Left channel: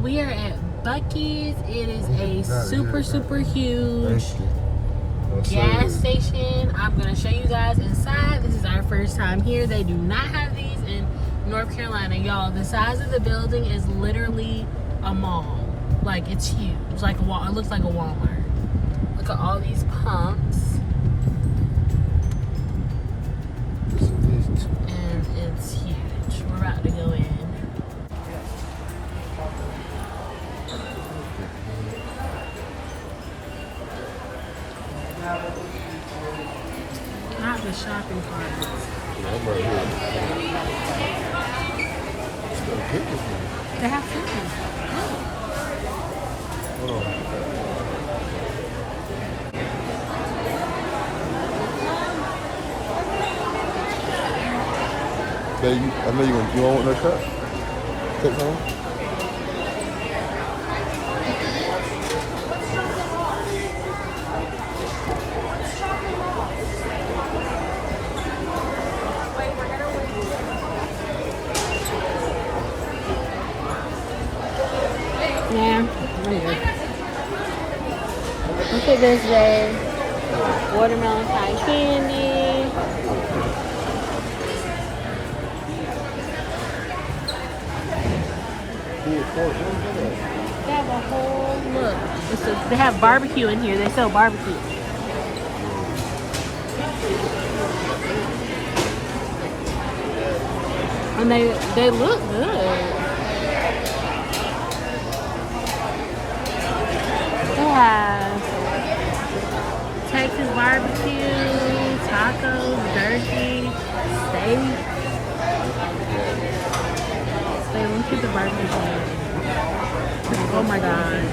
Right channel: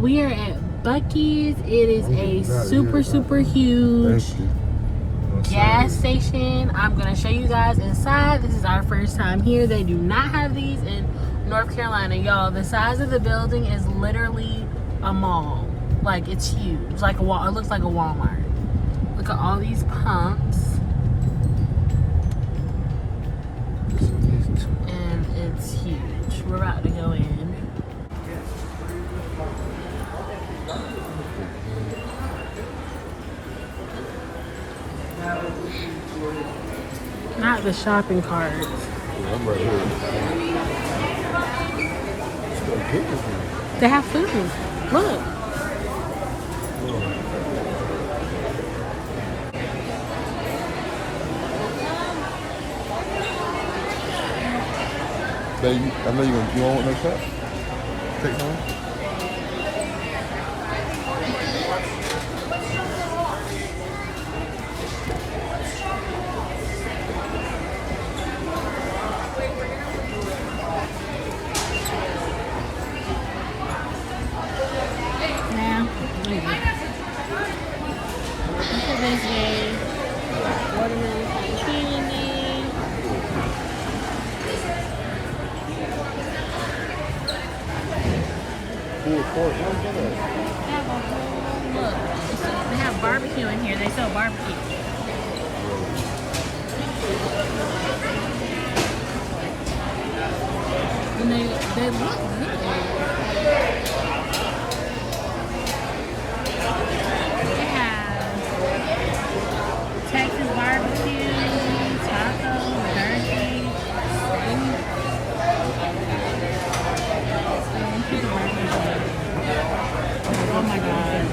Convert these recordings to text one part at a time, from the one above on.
we are at Buc-Ees. It is a super huge gas station. I'm gonna show you guys inside. This is our first time here. They do not have these in North Carolina, y'all. The size of the building is literally a mall. Like, it's huge. Like a wall. It looks like a Walmart. Look at all these pumps. And it's huge. We're about to go in. Not the shopping carts. They have food. Look. Baby, I know you want no shot? Take one. Yeah, look at this day. Watermelon cotton candy. They have a whole look. They have barbecue in here. They sell barbecue. And they look good. They have Texas barbecue, tacos, jerky, steak. Look at the barbecue. Oh my god.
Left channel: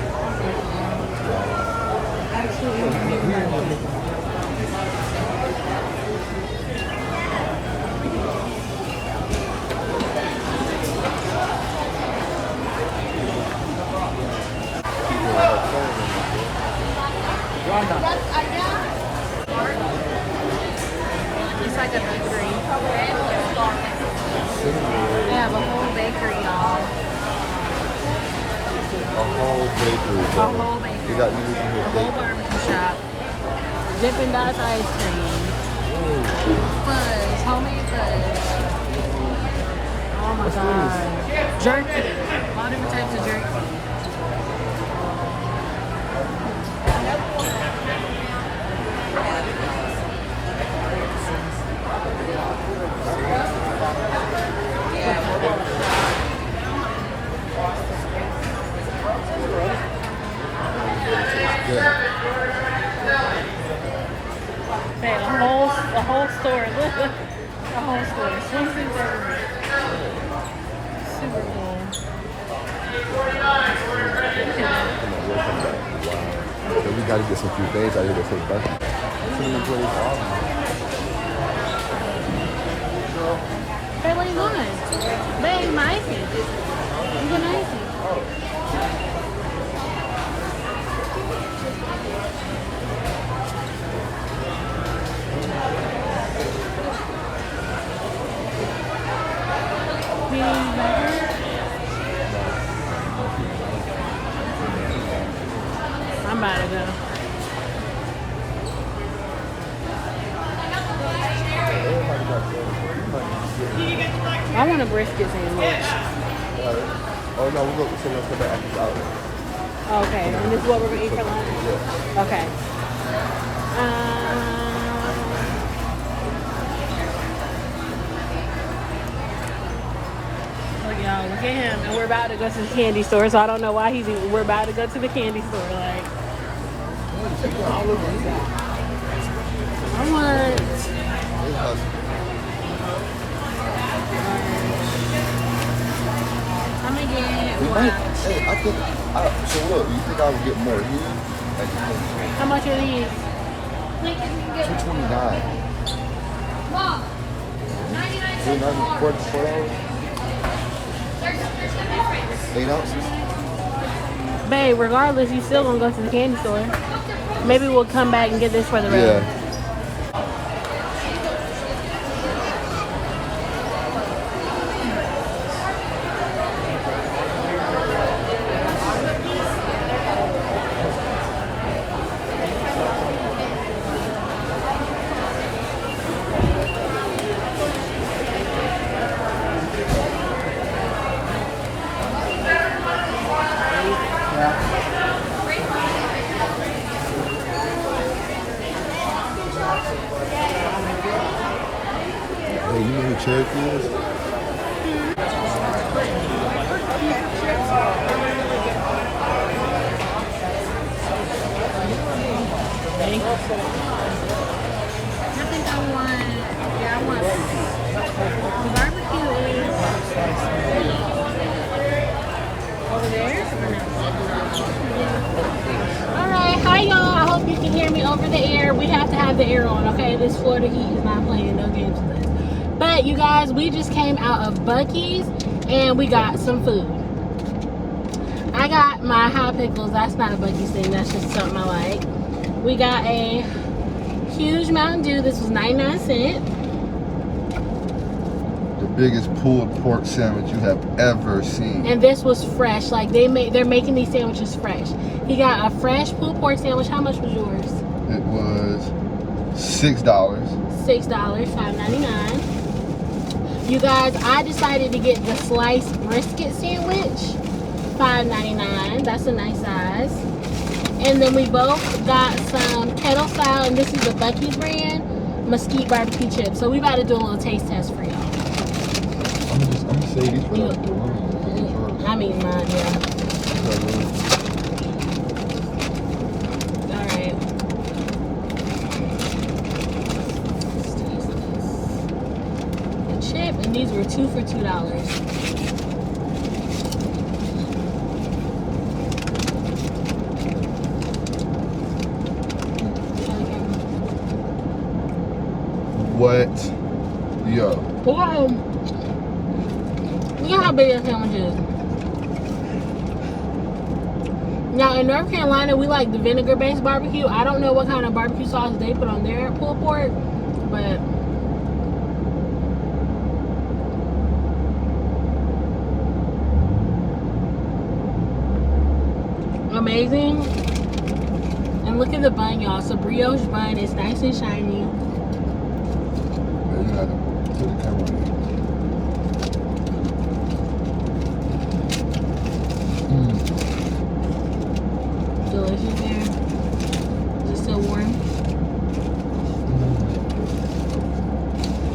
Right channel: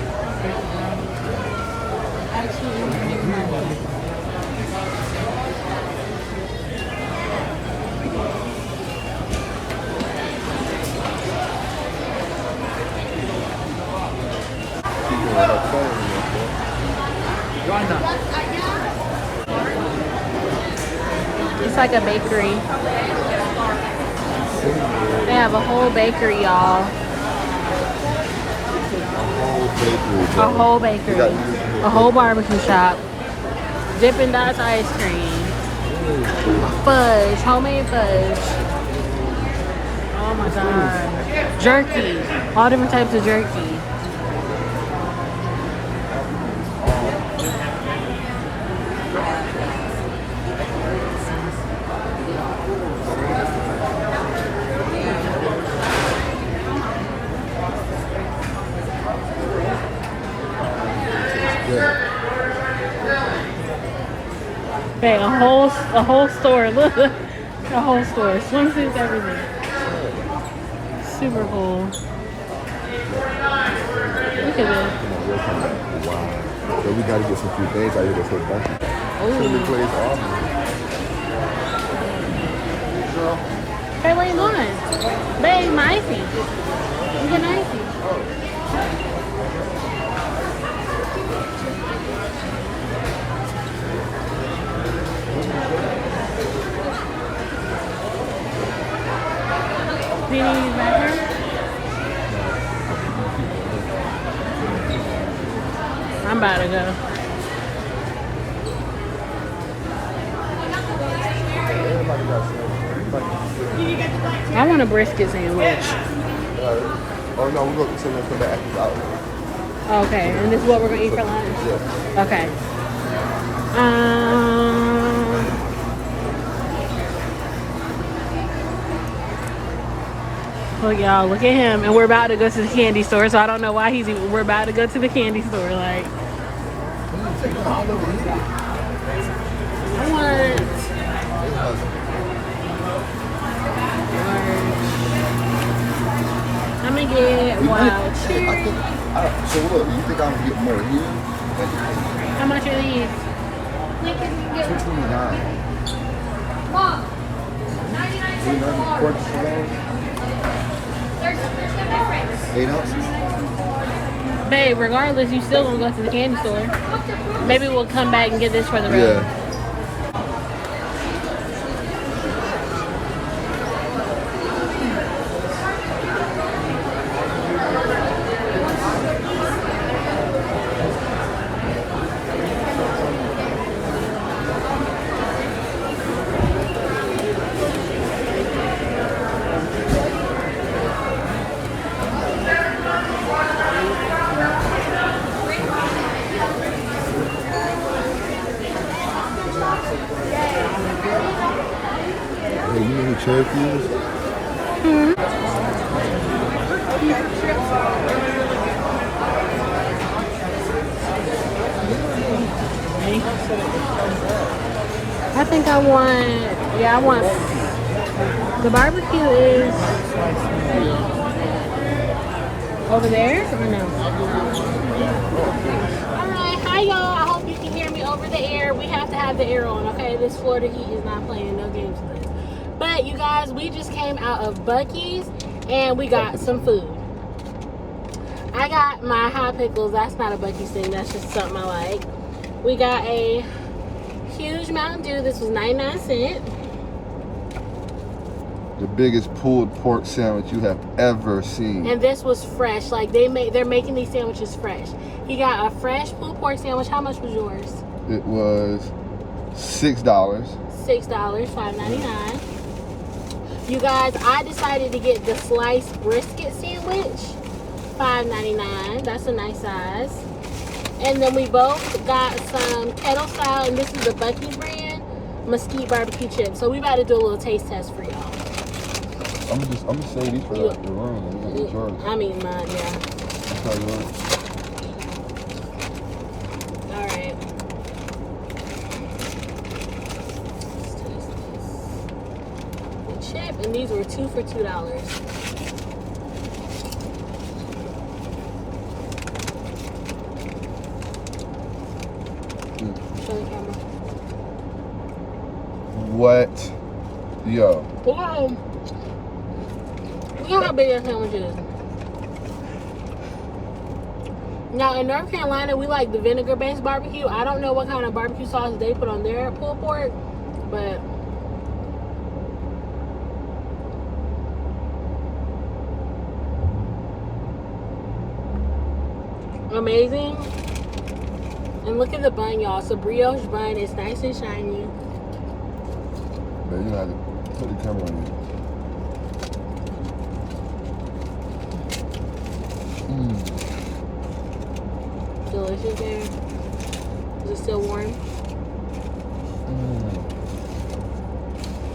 Absolutely amazing. It's like a bakery. They have a whole bakery, y'all. A whole bakery. A whole bakery. A whole barbecue shop. Dippin' Dots ice cream. Fudge. Homemade fudge. Oh my god. Jerky. All different types of jerky. Okay, a whole store. Look, a whole store. Swimsuits everywhere. Super cool. Look at this. So we gotta get some few things out here that's so funky. Cinnamon glazed almond. Hey, what are you doing? Babe, my icy. You got an icy. I'm about to go. I want a brisket sandwich. Okay, and this is what we're gonna eat for lunch. Okay. Look, y'all, look at him, and we're about to go to the candy store. So I don't know why he's even. We're about to go to the candy store. Like, I want. I'm gonna get wild. Hey, I think. So look, you think I'll get more heat? How much are these? $2.29. Mom, 99 8 ounces. Babe, regardless, you still gonna go to the candy store. Maybe we'll come back and get this for the rest. Yeah. the Cherokee is? I think I want, the barbecue is over there? No. Alright, hi y'all. I hope you can hear me over the air. We have to have the air on, okay? This Florida heat is not playing no games with us. But you guys, we just came out of Buc-Ees and we got some food. I got my hot pickles. That's not a Buc-Ees thing. That's just something I like. We got a huge Mountain Dew. This was 99 cents. The biggest pulled pork sandwich you have ever seen. And this was fresh. Like they're making these sandwiches fresh. He got a fresh pulled pork sandwich. How much was yours? It was $6. $6, $5.99. You guys, I decided to get the sliced brisket sandwich, $5.99. That's a nice size. And then we both got some kettle style, and this is the Buc-Ees brand, mesquite barbecue chips. So we about to do a little taste test for y'all. I'm gonna say these for the I mean mine, yeah. Alright. Let's taste this. The chip, and these were 2 for $2. What? Yo. Wow. Look at how big that sandwich is. Now in North Carolina, we like the vinegar-based barbecue. I don't know what kind of barbecue sauce they put on their pulled pork, but amazing. And look at the bun, y'all. It's a brioche bun. It's nice and shiny. Yeah, you had to put the camera on you. Delicious there. Is it still warm?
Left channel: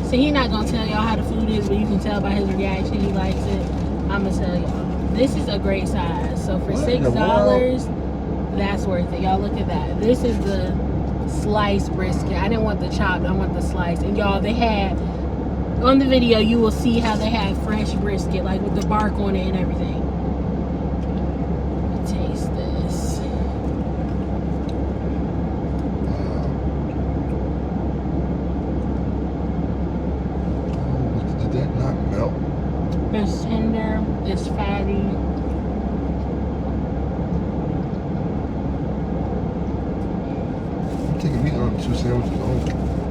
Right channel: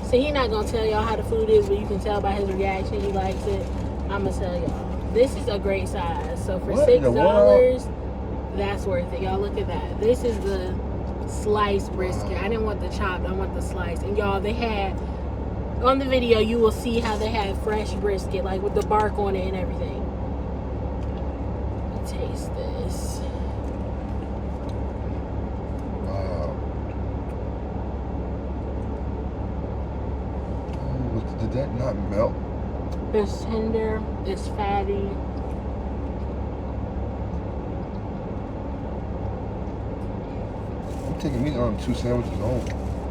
See, he's not gonna tell y'all how the food is, but you can tell by his reaction he likes it. I'ma tell y'all. This is a great size. So for $6, that's worth it. Y'all look at that. This is the sliced brisket. I didn't want the chopped, I want the sliced. And y'all, they had on the video, you will see how they had fresh brisket, like with the bark on it and everything. Taste this. Wow. Oh, did that not melt? It's tender, it's fatty. I'm taking me 2 sandwiches home.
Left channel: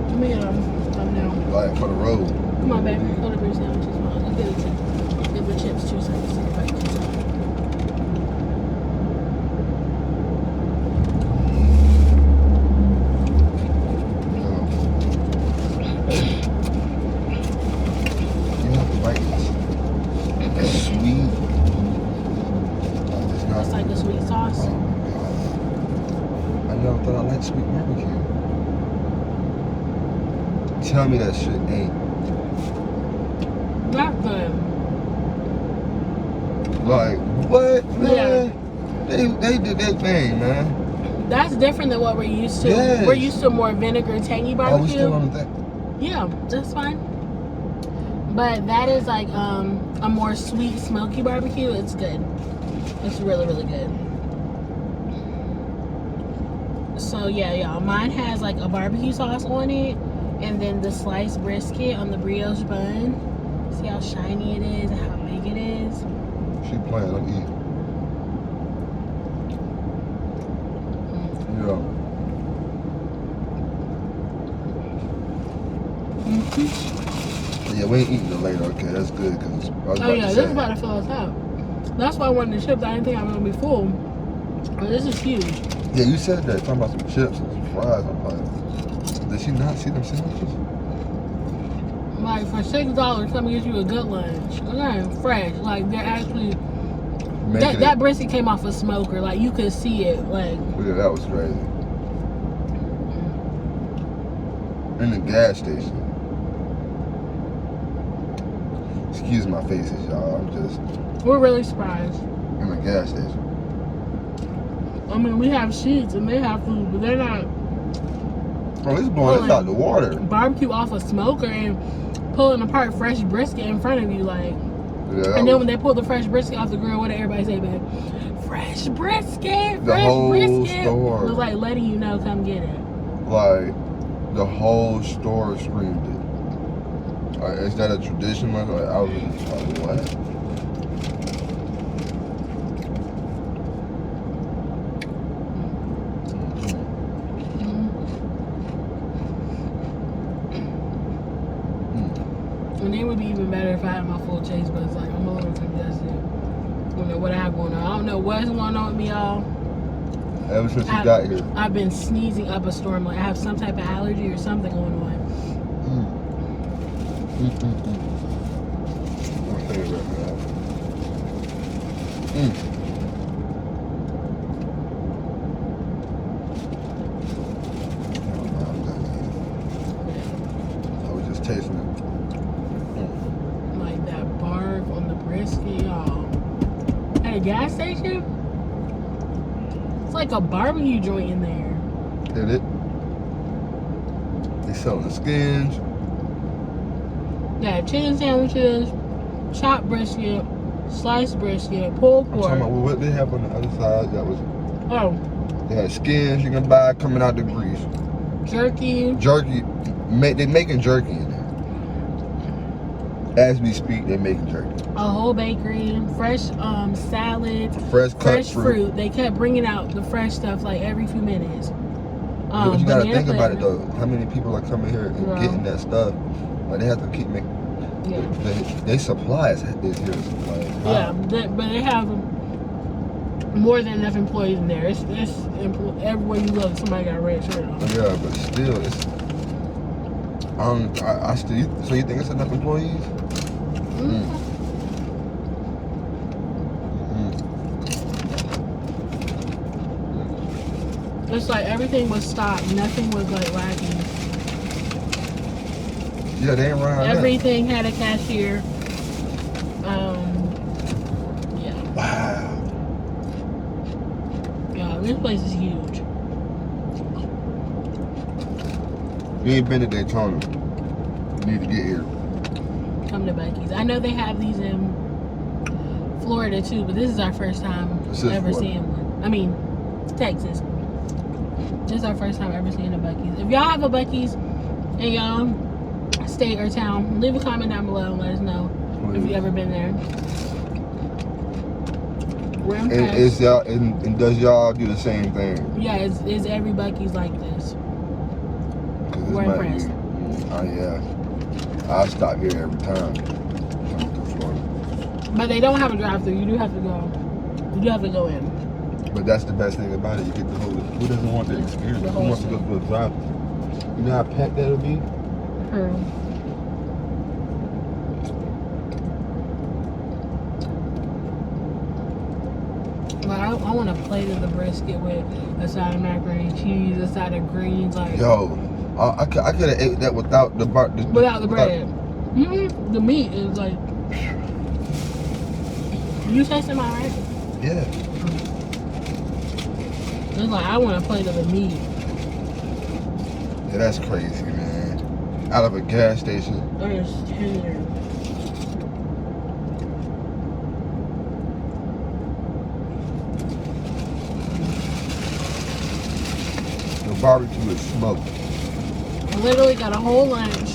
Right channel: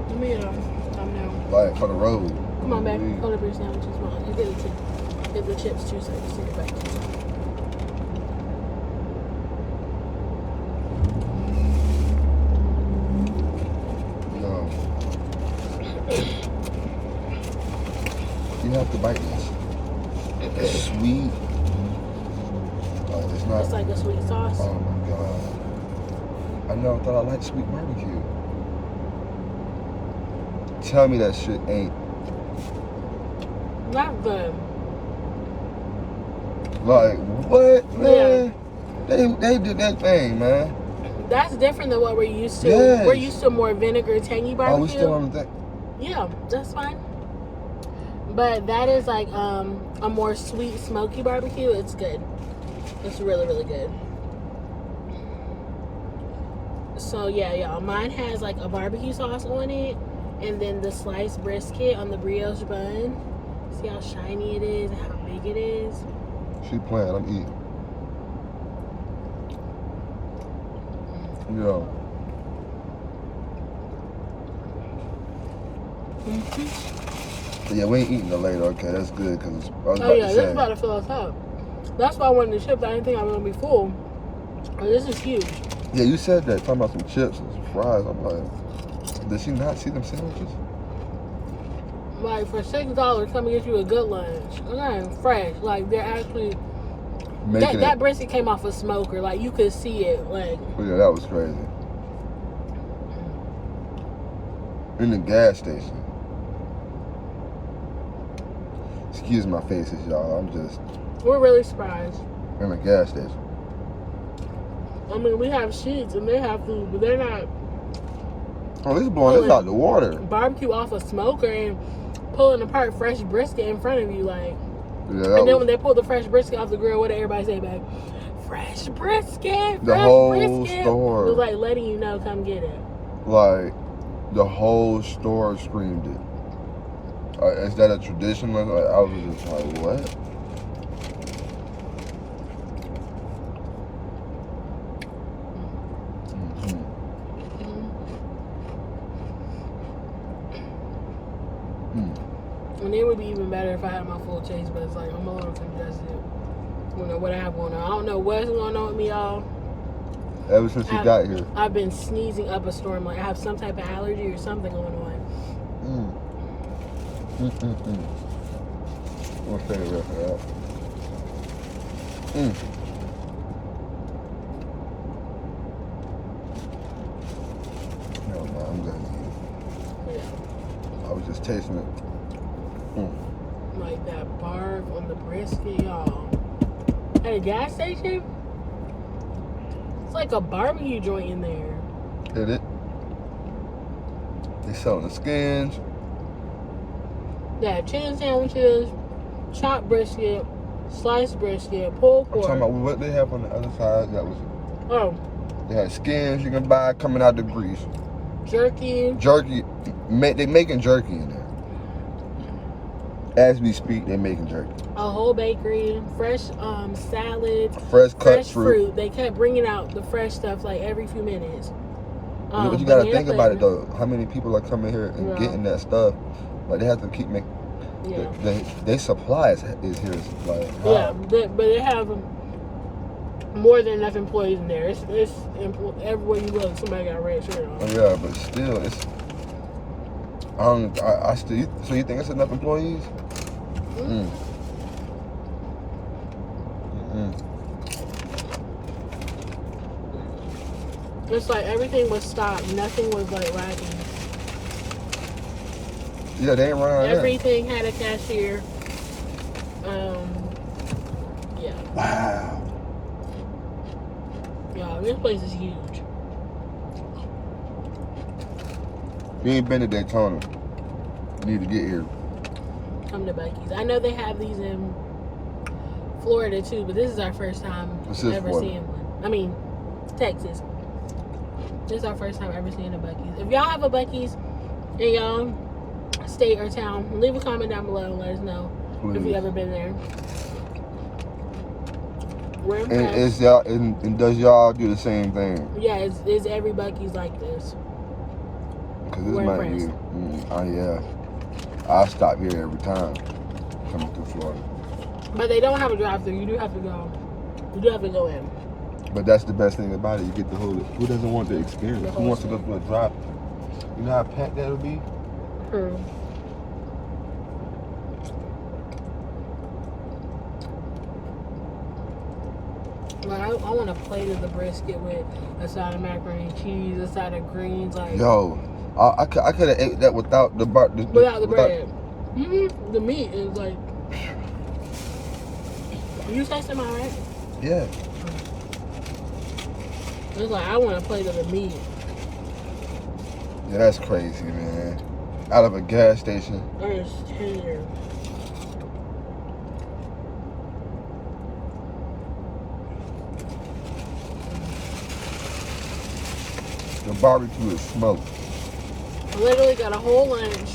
I mean, I'm now. Like for the road. Come on, back. Hold up your sandwiches, man. Let's get the chips. Get the chips too, so I can see the bacon. You have to bite this. It's sweet. It's not. It's like a sweet sauce. Oh my god. I never thought I liked sweet barbecue. Tell me that shit ain't. Not good. Like, what, man? Yeah. They did that thing, man. That's different than what we're used to. Yes. We're used to more vinegar, tangy barbecue. Oh, we still on the thing? Yeah, that's fine. But that is like a more sweet, smoky barbecue. It's good. It's really, really good. So yeah, y'all, mine has like a barbecue sauce on it, and then the sliced brisket on the brioche bun. See how shiny it is and how big it is. She playing, I'm eating. Yo. Yeah, we ain't eating it later. Okay, that's good because I was about Oh yeah, to this say. is about to fill us up. That's why I wanted the chips. I didn't think I was gonna be full. But this is huge. Yeah, you said that. Talking about some chips and some fries. I'm like, did she not see them sandwiches? Like for $6, somebody gets you a good lunch. Okay, fresh. Like they're actually that brisket came off a smoker. Like you could see it. Like yeah, that was crazy. In the gas station. Excuse my faces, y'all. I'm just We're really surprised. in a gas station. I mean, we have sheets and they have food, but they're not Oh, this blowing this out the water. barbecue off a smoker and pulling apart fresh brisket in front of you, like. Yeah, And then when they pull the fresh brisket off the grill, what did everybody say, babe? Fresh brisket, the fresh whole brisket. store, It was like letting you know, come get it. like the whole store screamed it. Is that a tradition? Like I was just like, what? And it would be even better if I had my full chase, but it's like I'm a little congested. You know what I have going on. I don't know what's going on with me, y'all. Ever since you got here. I've been sneezing up a storm. Like I have some type of allergy or something going on. My favorite. No, I'm done. I was just tasting it. Like that bark on the brisket, y'all. At a gas station? It's like a barbecue joint in there. Hit it. They selling the skins. They had chicken sandwiches, chopped brisket, sliced brisket, pulled I'm pork. talking about what they have on the other side. That was. Oh, They had skins you can buy coming out the grease. jerky. Jerky. They making jerky in there. As we speak, they making jerky. A whole bakery, fresh salad, Fresh cut fresh fruit. They kept bringing out the fresh stuff like every few minutes. But you gotta banana think about it pudding. though. How many people are coming here and Yeah. getting that stuff? Like they have to keep making. Yeah. They supply is here to supply. Yeah, but they have more than enough employees in there. It's everywhere you look, somebody got a red shirt on. Yeah, but still, it's. I still. So you think it's enough employees? It's like everything was stocked. Nothing was like lacking. Yeah, they ain't run out of that. Everything had a cashier. Yeah. Wow. Yeah, this place is huge. You ain't been to Daytona. You need to get here. Come to Buc-Ees. I know they have these in Florida too, but this is our first time This is ever Florida. seeing one. I mean, Texas. This is our first time ever seeing a Buc-Ees. If y'all have a Buc-Ees in y'all state or town, leave a comment down below and let us know if you've ever been there. We're impressed. And is y'all and does y'all do the same thing? Yeah, is every Buc-Ees like this? Cause this We're might impressed. be. Oh yeah. I'll stop here every time coming through Florida. But they don't have a drive-thru. You do have to go. You do have to go in. But that's the best thing about it. You get the whole. Who doesn't want the experience? Who wants to go through a drive? You know how pet that'll be? Well, I want a plate of the brisket with a side of macaroni and cheese, a side of greens, like Yo, I could have ate that without the bar. without the bread. The meat is like. You say something right? Yeah. It's like I want a plate of the meat. Yeah, that's crazy, man. Out of a gas station. It's tender. The barbecue is smoked. I literally got a whole lunch,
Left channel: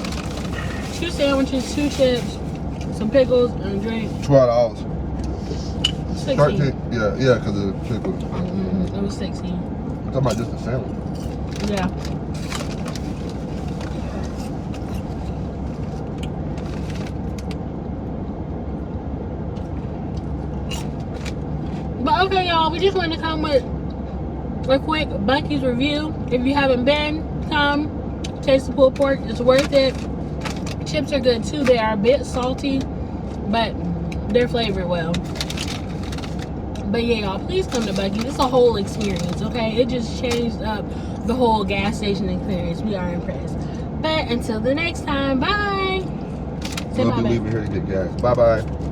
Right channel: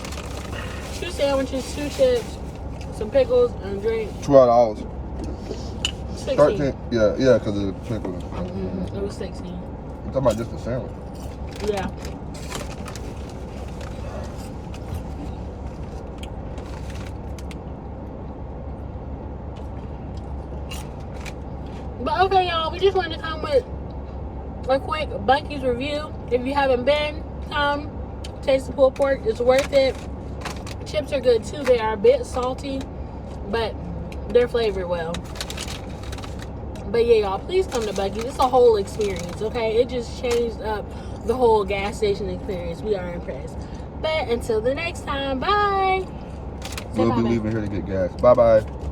2 sandwiches, 2 chips, some pickles, and a drink. $12. 16. 13. Yeah, because of the pickles. It was 16. I'm talking about just a sandwich. Yeah. But okay, y'all, we just wanted to come with a quick Buc-Ees review. If you haven't been, come taste the pulled pork. It's worth it. Chips are good too. They are a bit salty, but they're flavored well. But yeah, y'all, please come to Buc-Ees. It's a whole experience, okay? It just changed up the whole gas station experience. We are impressed. But until the next time, bye. Say We'll bye, be babe. leaving here to get gas. Bye bye.